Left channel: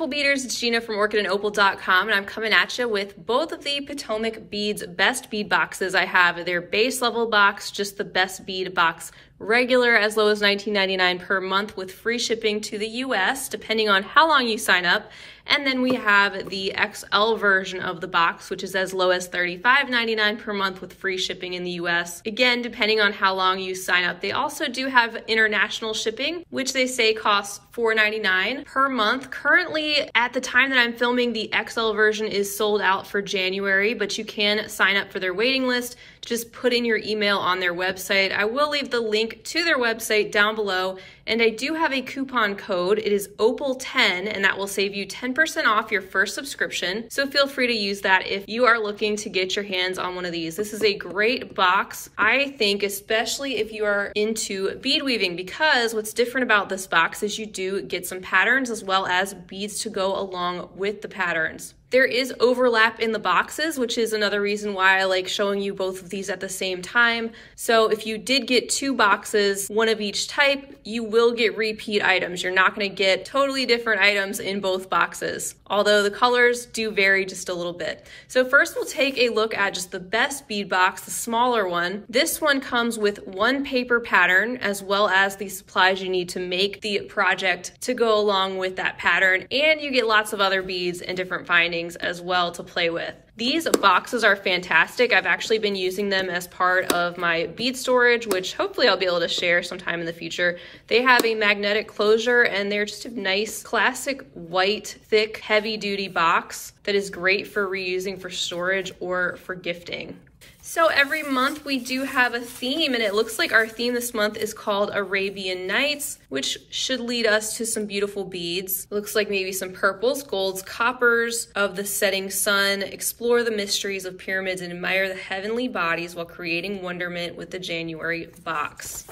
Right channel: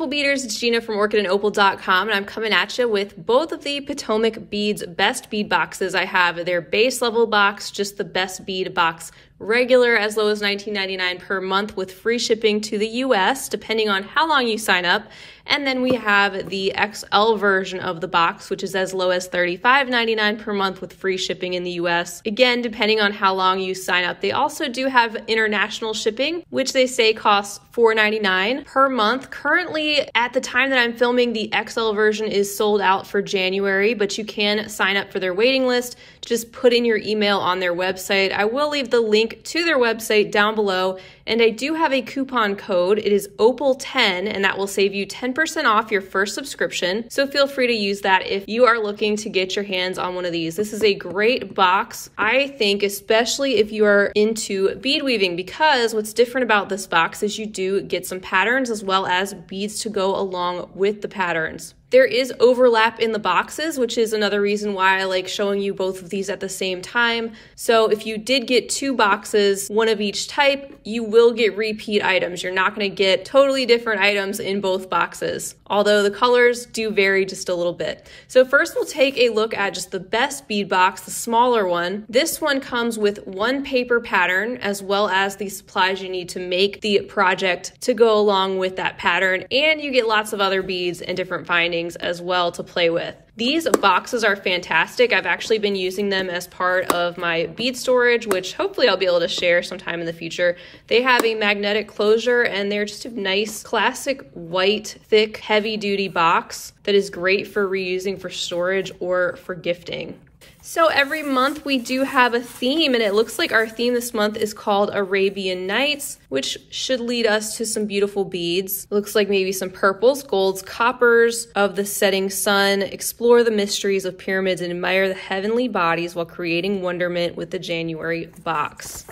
beautiful beaders, it's Gina from orchidandopal.com, and I'm coming at you with both of the Potomac Beads best bead boxes. I have their base level box, just the best bead box regular, as low as $19.99 per month with free shipping to the US, depending on how long you sign up. And then we have the XL version of the box, which is as low as $35.99 per month with free shipping in the US. Again, depending on how long you sign up. They also do have international shipping, which they say costs $4.99 per month. Currently, at the time that I'm filming, the XL version is sold out for January, but you can sign up for their waiting list. Just put in your email on their website. I will leave the link to their website down below, and I do have a coupon code. It is OPAL10, and that will save you 10% off your first subscription. So feel free to use that if you are looking to get your hands on one of these. This is a great box, I think, especially if you are into bead weaving, because what's different about this box is you do get some patterns as well as beads to go along with the patterns. There is overlap in the boxes, which is another reason why I like showing you both of these at the same time. So if you did get two boxes, one of each type, you will get repeat items. You're not going to get totally different items in both boxes, although the colors do vary just a little bit. So first we'll take a look at just the best bead box, the smaller one. This one comes with one paper pattern as well as the supplies you need to make the project to go along with that pattern, and you get lots of other beads and different findings as well to play with. These boxes are fantastic. I've actually been using them as part of my bead storage, which hopefully I'll be able to share sometime in the future. They have a magnetic closure, and they're just a nice classic white, thick, heavy duty box that is great for reusing for storage or for gifting. So every month we do have a theme, and it looks like our theme this month is called Arabian Nights, which should lead us to some beautiful beads. It looks like maybe some purples, golds, coppers of the setting sun. Explore the mysteries of pyramids and admire the heavenly bodies while creating wonderment with the January box.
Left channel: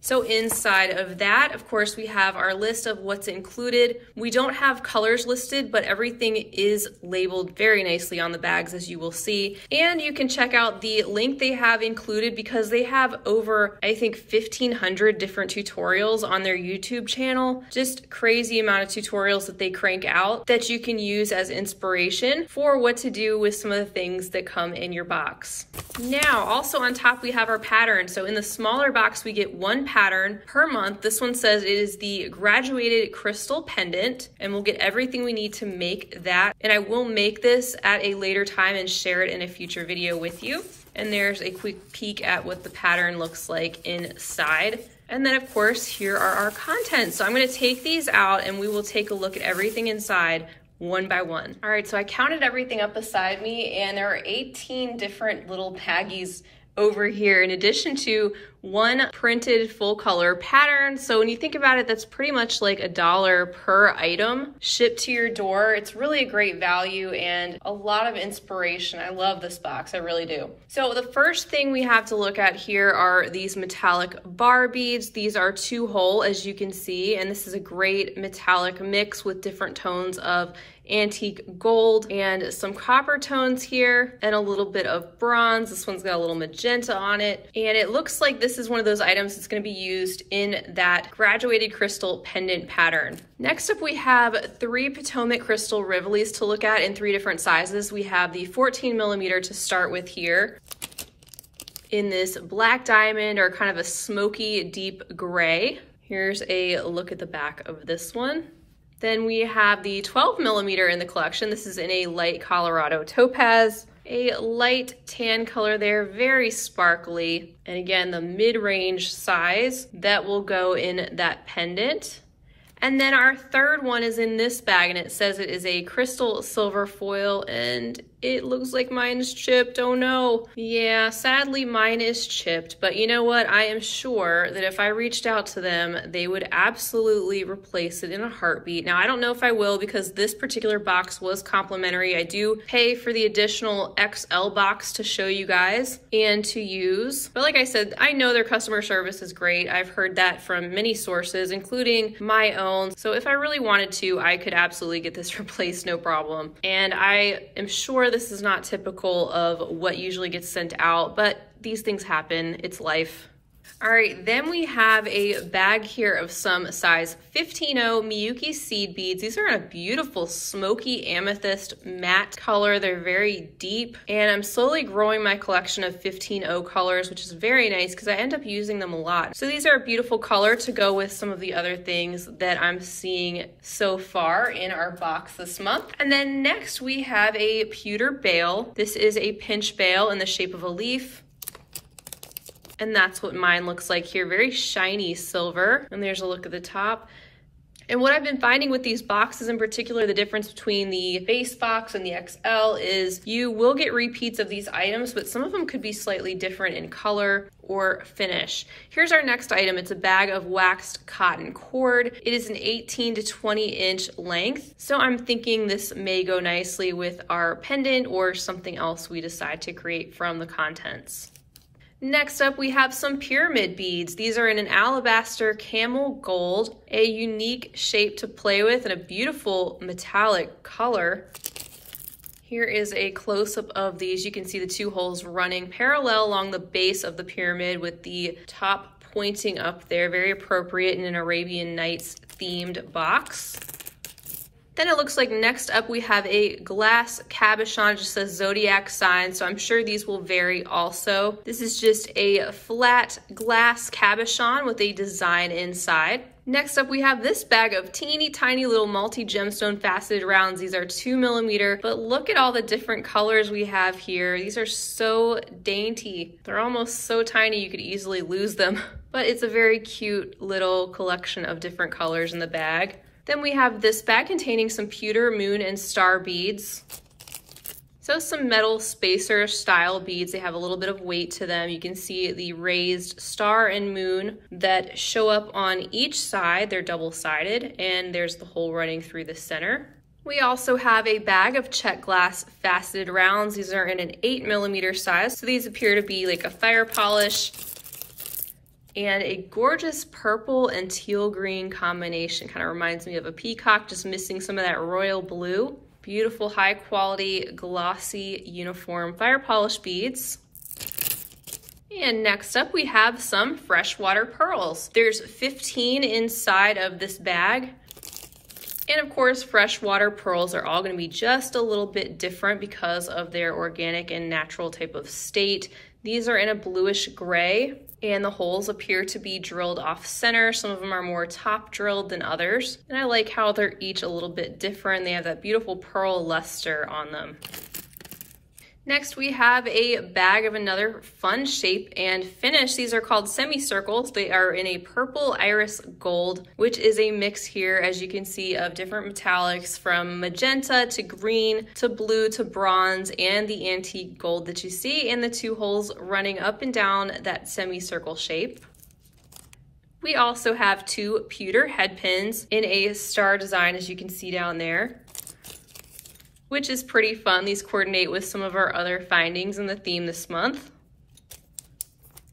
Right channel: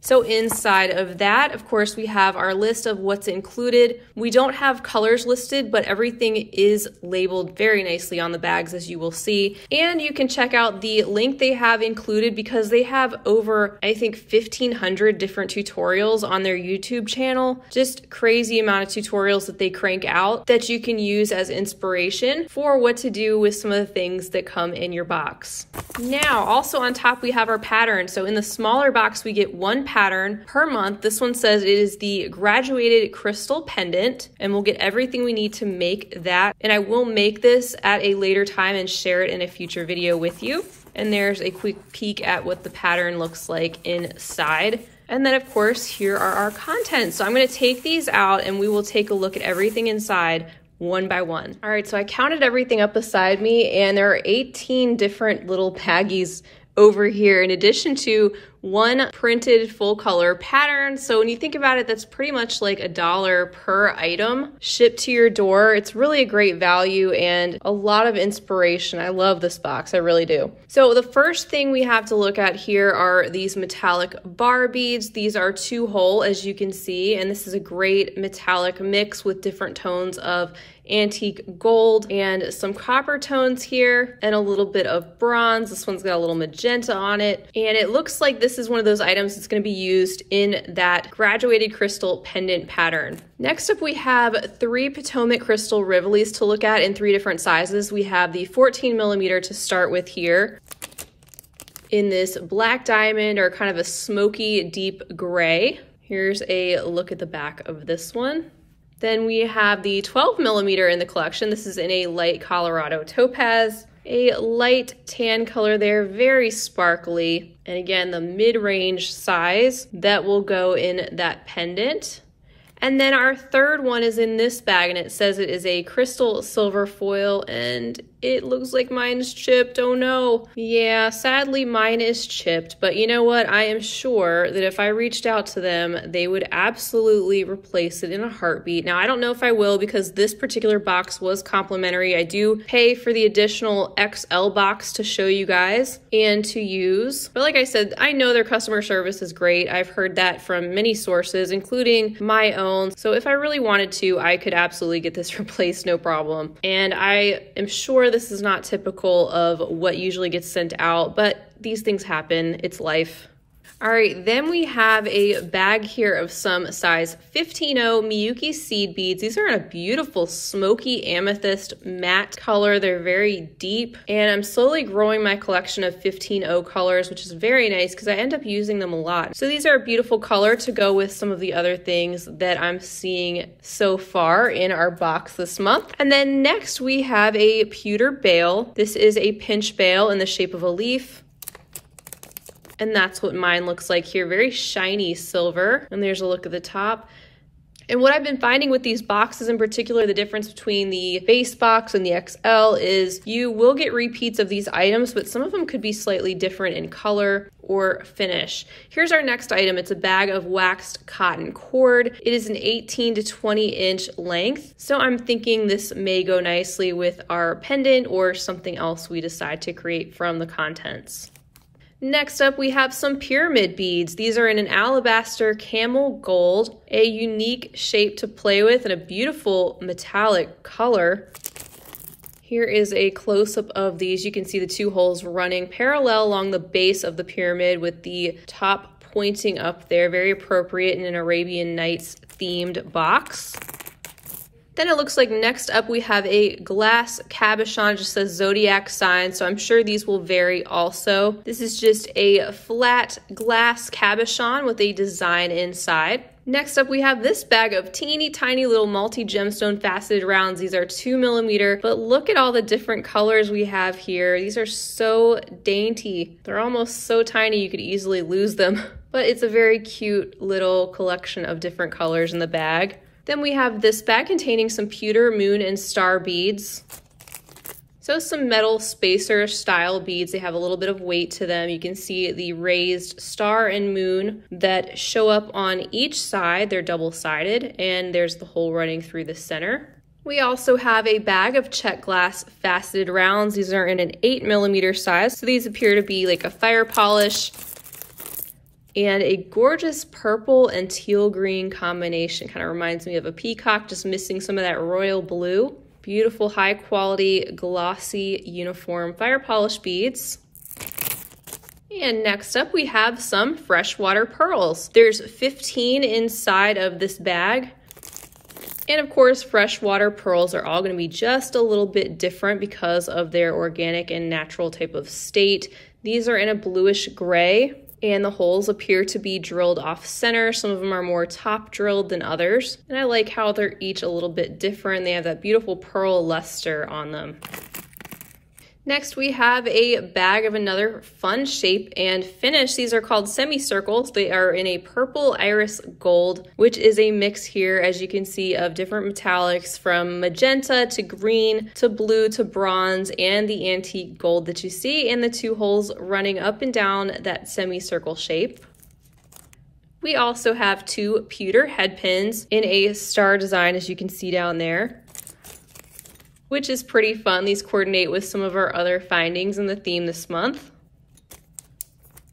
So inside of that, of course, we have our list of what's included. We don't have colors listed, but everything is labeled very nicely on the bags, as you will see. And you can check out the link they have included because they have over, I think, 1,500 different tutorials on their YouTube channel. Just crazy amount of tutorials that they crank out that you can use as inspiration for what to do with some of the things that come in your box. Now, also on top, we have our pattern. So in the smaller box, we get one pattern per month. This one says it is the graduated crystal pendant, and we'll get everything we need to make that. And I will make this at a later time and share it in a future video with you. And there's a quick peek at what the pattern looks like inside. And then of course, here are our contents. So I'm gonna take these out and we will take a look at everything inside one by one. All right, so I counted everything up beside me, and there are 18 different little baggies over here, in addition to one printed full color pattern. So when you think about it, that's pretty much like $1 per item shipped to your door. It's really a great value and a lot of inspiration. I love this box, I really do. So the first thing we have to look at here are these metallic bar beads. These are 2-hole, as you can see, and this is a great metallic mix with different tones of antique gold and some copper tones here and a little bit of bronze. This one's got a little magenta on it, and it looks like this is one of those items that's going to be used in that graduated crystal pendant pattern. Next up, we have 3 Potomac crystal rivolis to look at in 3 different sizes. We have the 14mm to start with here in this black diamond, or kind of a smoky deep gray. Here's a look at the back of this one. Then we have the 12mm in the collection. This is in a light Colorado topaz, a light tan color there, very sparkly. And again, the mid-range size that will go in that pendant. And then our third one is in this bag, and it says it is a crystal silver foil, and it looks like mine is chipped. Oh no. Yeah, sadly mine is chipped, but you know what? I am sure that if I reached out to them, they would absolutely replace it in a heartbeat. Now, I don't know if I will, because this particular box was complimentary. I do pay for the additional XL box to show you guys and to use. But like I said, I know their customer service is great. I've heard that from many sources, including my own. So if I really wanted to, I could absolutely get this replaced, no problem. And I am sure this is not typical of what usually gets sent out, but these things happen. It's life. All right, then we have a bag here of some size 15-0 Miyuki seed beads. These are in a beautiful smoky amethyst matte color. They're very deep, and I'm slowly growing my collection of 15-0 colors, which is very nice because I end up using them a lot. So these are a beautiful color to go with some of the other things that I'm seeing so far in our box this month. And then next we have a Pewter Bail. This is a pinch bail in the shape of a leaf. And that's what mine looks like here, very shiny silver. And there's a look at the top. And what I've been finding with these boxes in particular, the difference between the base box and the XL is you will get repeats of these items, but some of them could be slightly different in color or finish. Here's our next item. It's a bag of waxed cotton cord. It is an 18 to 20 inch length. So I'm thinking this may go nicely with our pendant or something else we decide to create from the contents. Next up, we have some pyramid beads. These are in an alabaster camel gold, a unique shape to play with and a beautiful metallic color. Here is a close-up of these. You can see the two holes running parallel along the base of the pyramid with the top pointing up there. Very appropriate in an Arabian Nights themed box. Then it looks like next up we have a glass cabochon, just says zodiac sign, so I'm sure these will vary also. This is just a flat glass cabochon with a design inside. Next up we have this bag of teeny tiny little multi-gemstone faceted rounds. These are 2mm, but look at all the different colors we have here. These are so dainty. They're almost so tiny you could easily lose them, but it's a very cute little collection of different colors in the bag. Then we have this bag containing some pewter, moon, and star beads. So some metal spacer style beads. They have a little bit of weight to them. You can see the raised star and moon that show up on each side. They're double-sided, and there's the hole running through the center. We also have a bag of Czech glass faceted rounds. These are in an 8mm size. So these appear to be like a fire polish. And a gorgeous purple and teal green combination. Kind of reminds me of a peacock, just missing some of that royal blue. Beautiful, high quality, glossy, uniform fire polish beads. And next up we have some freshwater pearls. There's 15 inside of this bag. And of course, freshwater pearls are all gonna be just a little bit different because of their organic and natural type of state. These are in a bluish gray. And the holes appear to be drilled off center. Some of them are more top drilled than others. And I like how they're each a little bit different. They have that beautiful pearl luster on them. Next, we have a bag of another fun shape and finish. These are called semicircles. They are in a purple iris gold, which is a mix here, as you can see, of different metallics from magenta to green to blue to bronze and the antique gold that you see, and the two holes running up and down that semicircle shape. We also have two pewter head pins in a star design, as you can see down there, which is pretty fun. These coordinate with some of our other findings in the theme this month.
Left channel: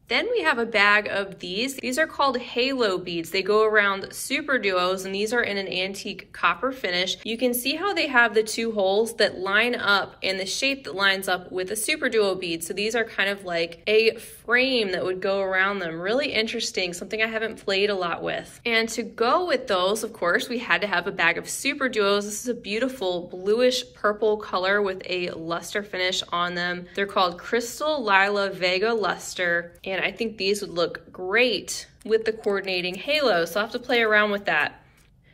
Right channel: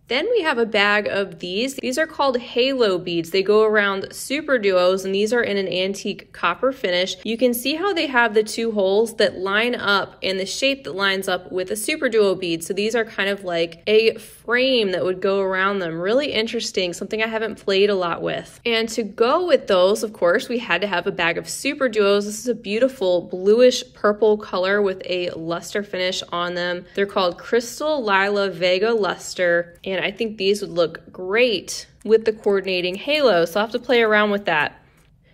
Then we have a bag of these. These are called halo beads. They go around super duos, and these are in an antique copper finish. You can see how they have the two holes that line up and the shape that lines up with a super duo bead. So these are kind of like a frame that would go around them. Really interesting, something I haven't played a lot with. And to go with those, of course, we had to have a bag of super duos. This is a beautiful bluish purple color with a luster finish on them. They're called Crystal Lila Vega Luster, and I think these would look great with the coordinating halo, so I'll have to play around with that.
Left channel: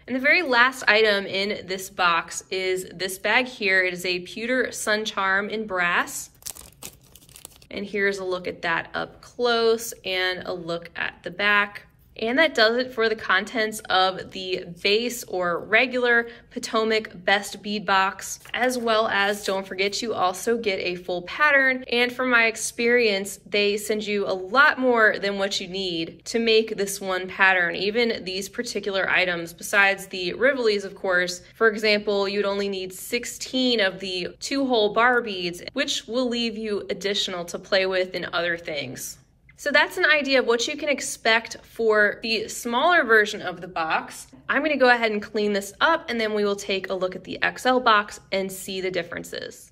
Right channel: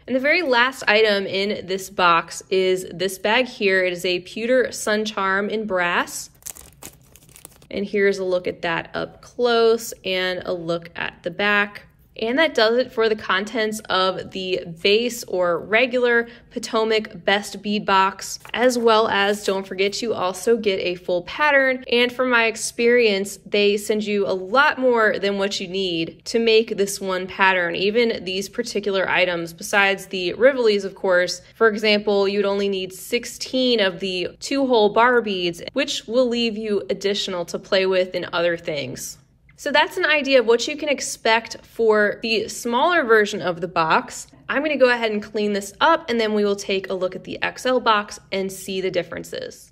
And the very last item in this box is this bag here. It is a pewter sun charm in brass. And here's a look at that up close and a look at the back. And that does it for the contents of the base or regular Potomac Best Bead Box, as well as, don't forget, you also get a full pattern. And from my experience, they send you a lot more than what you need to make this one pattern, even these particular items, besides the Rivolis, of course. For example, you'd only need 16 of the 2-hole bar beads, which will leave you additional to play with in other things. So that's an idea of what you can expect for the smaller version of the box. I'm gonna go ahead and clean this up, and then we will take a look at the XL box and see the differences.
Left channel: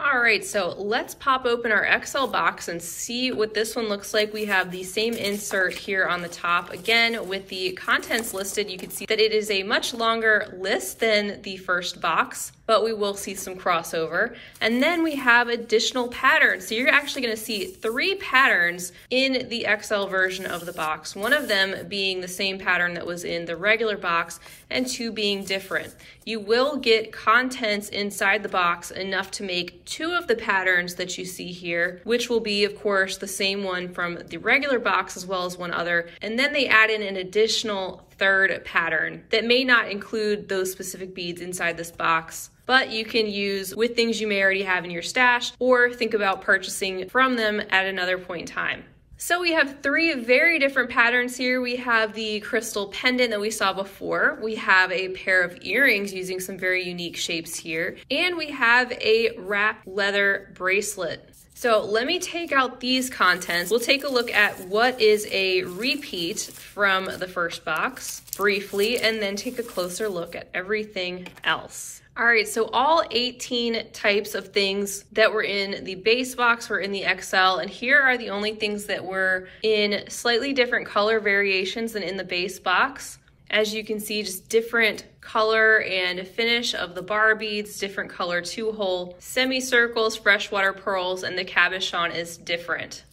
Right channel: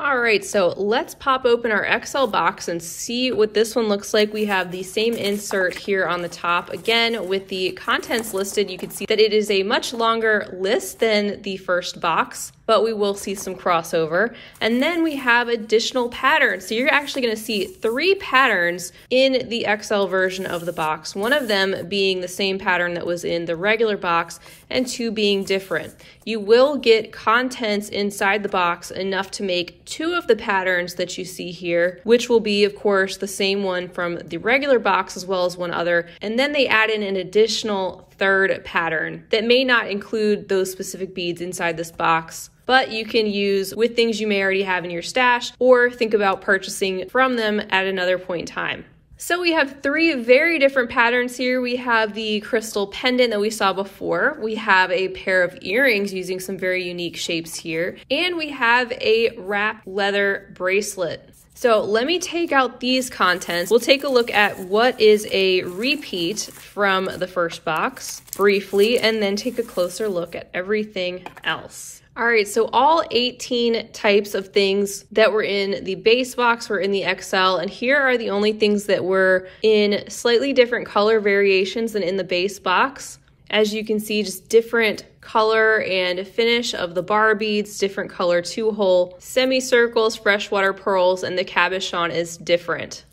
All right, so let's pop open our XL box and see what this one looks like. We have the same insert here on the top. Again, with the contents listed, you can see that it is a much longer list than the first box, but we will see some crossover. And then we have additional patterns. So you're actually gonna see 3 patterns in the XL version of the box, one of them being the same pattern that was in the regular box and 2 being different. You will get contents inside the box enough to make 2 of the patterns that you see here, which will be, of course, the same one from the regular box as well as one other. And then they add in an additional 3rd pattern that may not include those specific beads inside this box, but you can use with things you may already have in your stash or think about purchasing from them at another point in time. So we have 3 very different patterns here. We have the crystal pendant that we saw before. We have a pair of earrings using some very unique shapes here. And we have a wrap leather bracelet. So let me take out these contents. We'll take a look at what is a repeat from the first box briefly, and then take a closer look at everything else. All right, so all 18 types of things that were in the base box were in the XL, and here are the only things that were in slightly different color variations than in the base box. As you can see, just different color and finish of the bar beads, different color 2-hole semicircles, freshwater pearls, and the cabochon is different.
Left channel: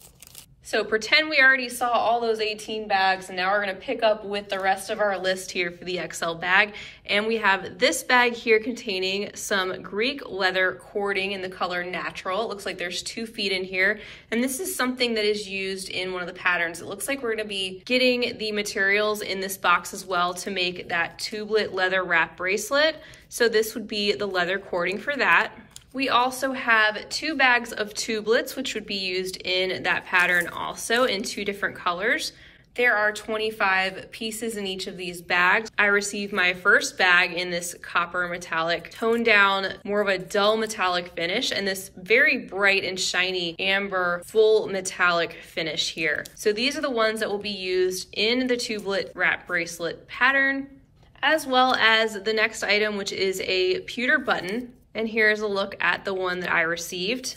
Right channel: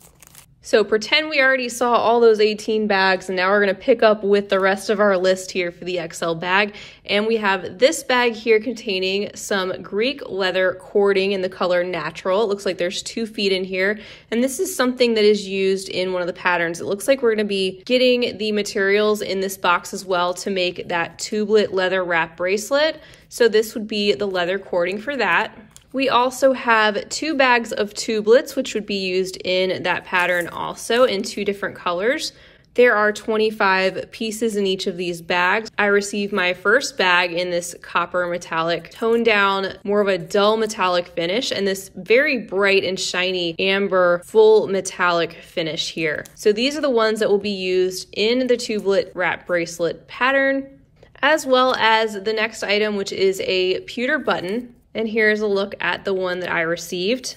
So pretend we already saw all those 18 bags, and now we're gonna pick up with the rest of our list here for the XL bag. And we have this bag here containing some Greek leather cording in the color natural. It looks like there's 2 feet in here. And this is something that is used in one of the patterns. It looks like we're gonna be getting the materials in this box as well to make that tublet leather wrap bracelet. So this would be the leather cording for that. We also have 2 bags of tubelets, which would be used in that pattern also in 2 different colors. There are 25 pieces in each of these bags. I received my first bag in this copper metallic, toned down, more of a dull metallic finish, and this very bright and shiny amber full metallic finish here. So these are the ones that will be used in the tublet wrap bracelet pattern, as well as the next item, which is a pewter button. And here's a look at the one that I received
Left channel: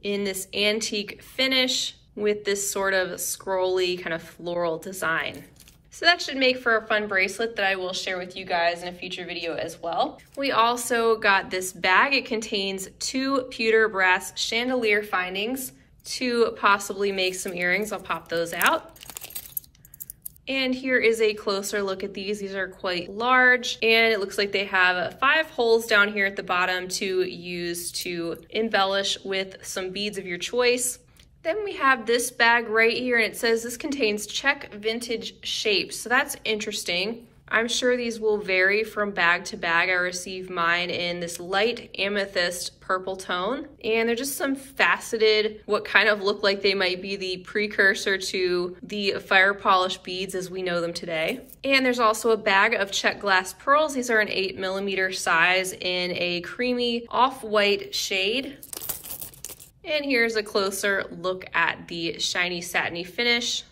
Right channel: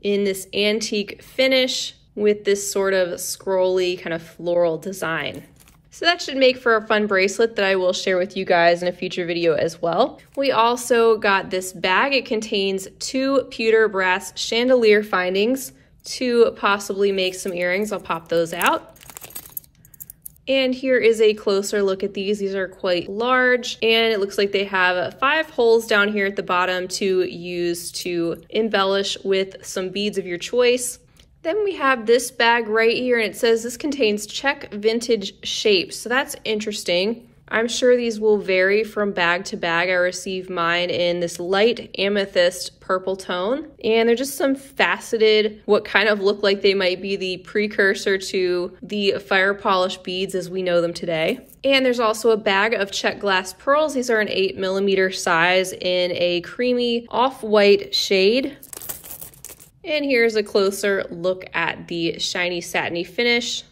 in this antique finish with this sort of scrolly kind of floral design. So that should make for a fun bracelet that I will share with you guys in a future video as well. We also got this bag. It contains 2 pewter brass chandelier findings to possibly make some earrings. I'll pop those out. And here is a closer look at these. These are quite large, and it looks like they have 5 holes down here at the bottom to use to embellish with some beads of your choice. Then we have this bag right here, and it says this contains Czech vintage shapes. So that's interesting. I'm sure these will vary from bag to bag. I received mine in this light amethyst purple tone, and they're just some faceted, what kind of look like they might be the precursor to the fire polished beads as we know them today. And there's also a bag of Czech glass pearls. These are an 8mm size in a creamy off-white shade. And here's a closer look at the shiny satiny finish.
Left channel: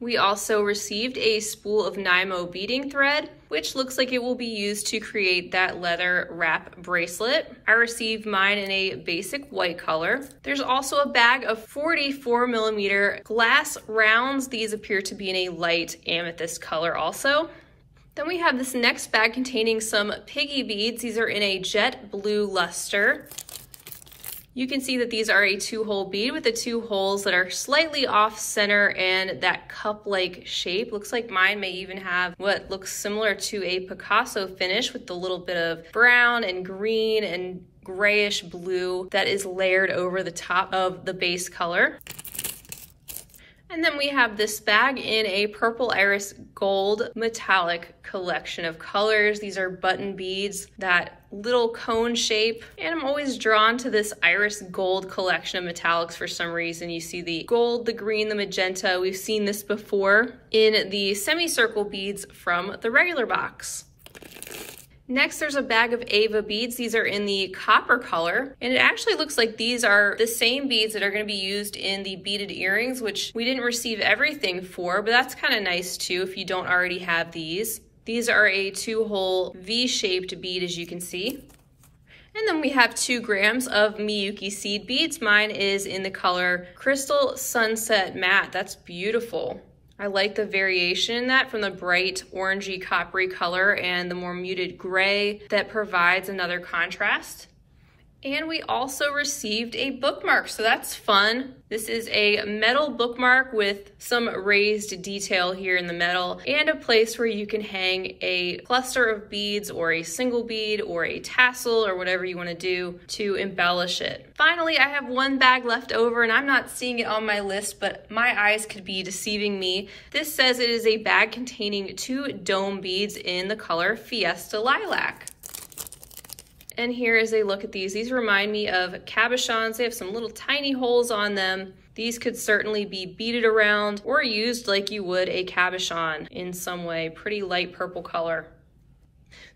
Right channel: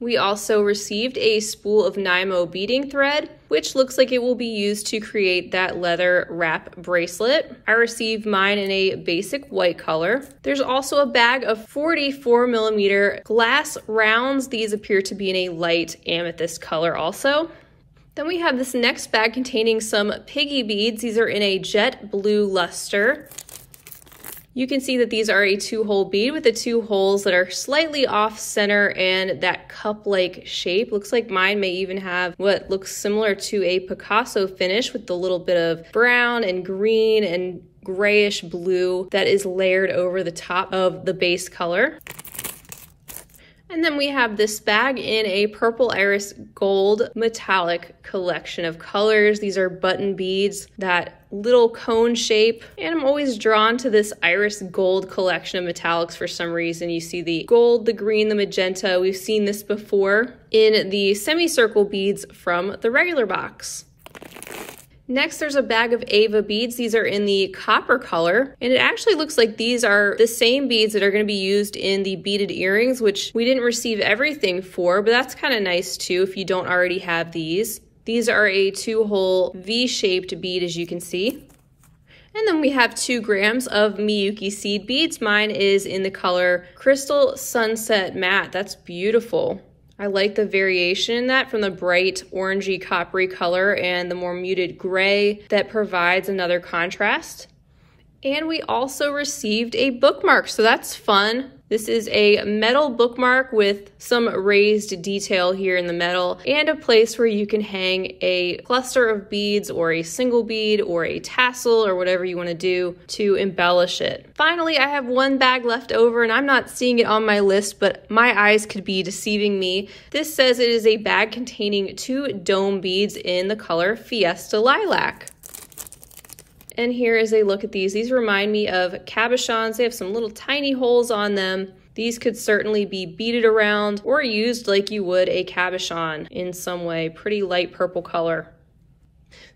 We also received a spool of Nymo beading thread, which looks like it will be used to create that leather wrap bracelet. I received mine in a basic white color. There's also a bag of 44mm glass rounds. These appear to be in a light amethyst color also. Then we have this next bag containing some Piggy Beads. These are in a jet blue luster. You can see that these are a 2-hole bead with the 2 holes that are slightly off center and that cup-like shape. Looks like mine may even have what looks similar to a Picasso finish with the little bit of brown and green and grayish blue that is layered over the top of the base color. And then we have this bag in a purple iris gold metallic collection of colors. These are button beads, that little cone shape. And I'm always drawn to this iris gold collection of metallics for some reason. You see the gold, the green, the magenta. We've seen this before in the semicircle beads from the regular box. Next, there's a bag of Ava beads. These are in the copper color, and it actually looks like these are the same beads that are going to be used in the beaded earrings, which we didn't receive everything for, but that's kind of nice too if you don't already have these. These are a 2-hole V-shaped bead, as you can see. And then we have 2 grams of Miyuki seed beads. Mine is in the color Crystal Sunset Matte. That's beautiful. I like the variation in that from the bright orangey coppery color and the more muted gray that provides another contrast. And we also received a bookmark, so that's fun. This is a metal bookmark with some raised detail here in the metal and a place where you can hang a cluster of beads or a single bead or a tassel or whatever you want to do to embellish it. Finally, I have 1 bag left over and I'm not seeing it on my list, but my eyes could be deceiving me. This says it is a bag containing 2 dome beads in the color Fiesta Lilac. And here is a look at these. These remind me of cabochons. They have some little tiny holes on them. These could certainly be beaded around or used like you would a cabochon in some way. Pretty light purple color.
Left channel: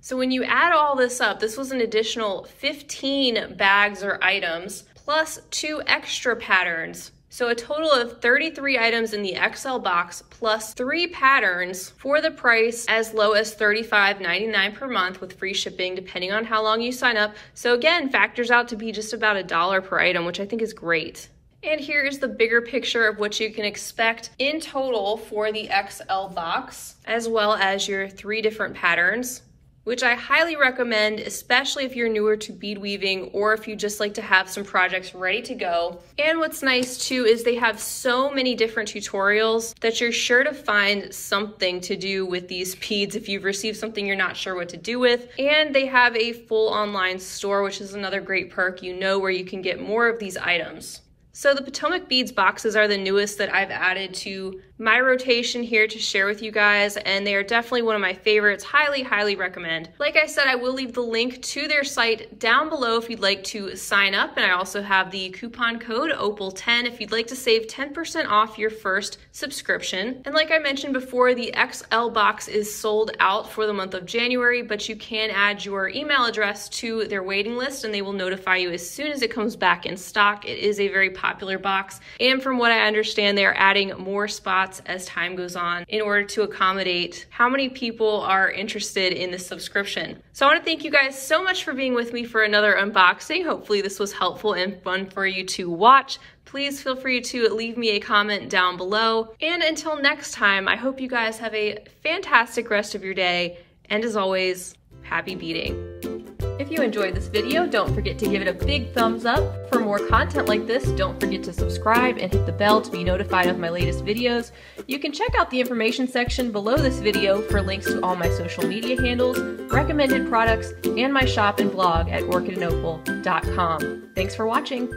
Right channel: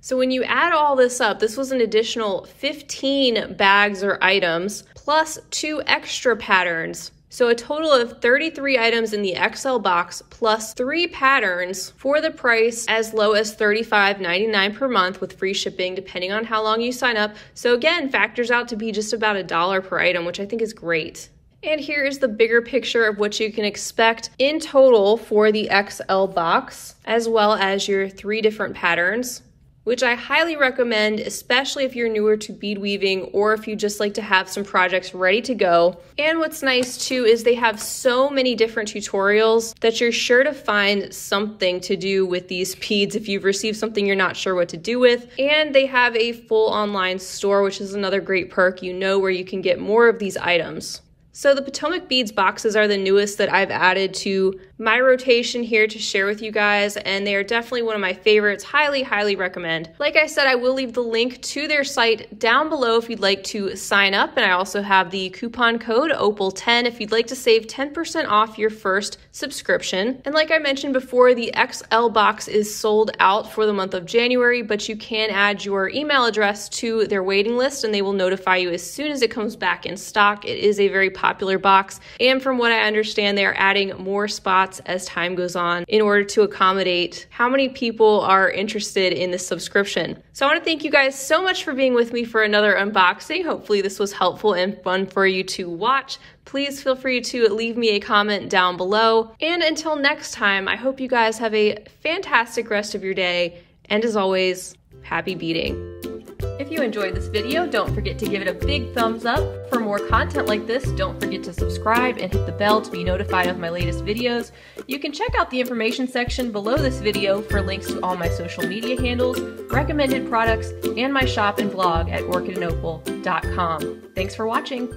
So when you add all this up, this was an additional 15 bags or items plus 2 extra patterns. So a total of 33 items in the XL box plus 3 patterns for the price as low as $35.99 per month with free shipping depending on how long you sign up. So again, factors out to be just about $1 per item, which I think is great. And here is the bigger picture of what you can expect in total for the XL box, as well as your 3 different patterns, which I highly recommend, especially if you're newer to bead weaving or if you just like to have some projects ready to go. And what's nice too is they have so many different tutorials that you're sure to find something to do with these beads if you've received something you're not sure what to do with. And they have a full online store, which is another great perk, you know, where you can get more of these items. So the Potomac Beads boxes are the newest that I've added to my rotation here to share with you guys, and they are definitely one of my favorites. Highly, highly recommend. Like I said, I will leave the link to their site down below if you'd like to sign up, and I also have the coupon code OPAL10 if you'd like to save 10% off your first subscription. And like I mentioned before, the XL box is sold out for the month of January, but you can add your email address to their waiting list and they will notify you as soon as it comes back in stock. It is a very popular box, and from what I understand, they are adding more spots as time goes on in order to accommodate how many people are interested in this subscription. So I want to thank you guys so much for being with me for another unboxing. Hopefully this was helpful and fun for you to watch. Please feel free to leave me a comment down below. And until next time, I hope you guys have a fantastic rest of your day. And as always, happy beading. If you enjoyed this video, don't forget to give it a big thumbs up. For more content like this, don't forget to subscribe and hit the bell to be notified of my latest videos. You can check out the information section below this video for links to all my social media handles, recommended products, and my shop and blog at orchidandopal.com. Thanks for watching.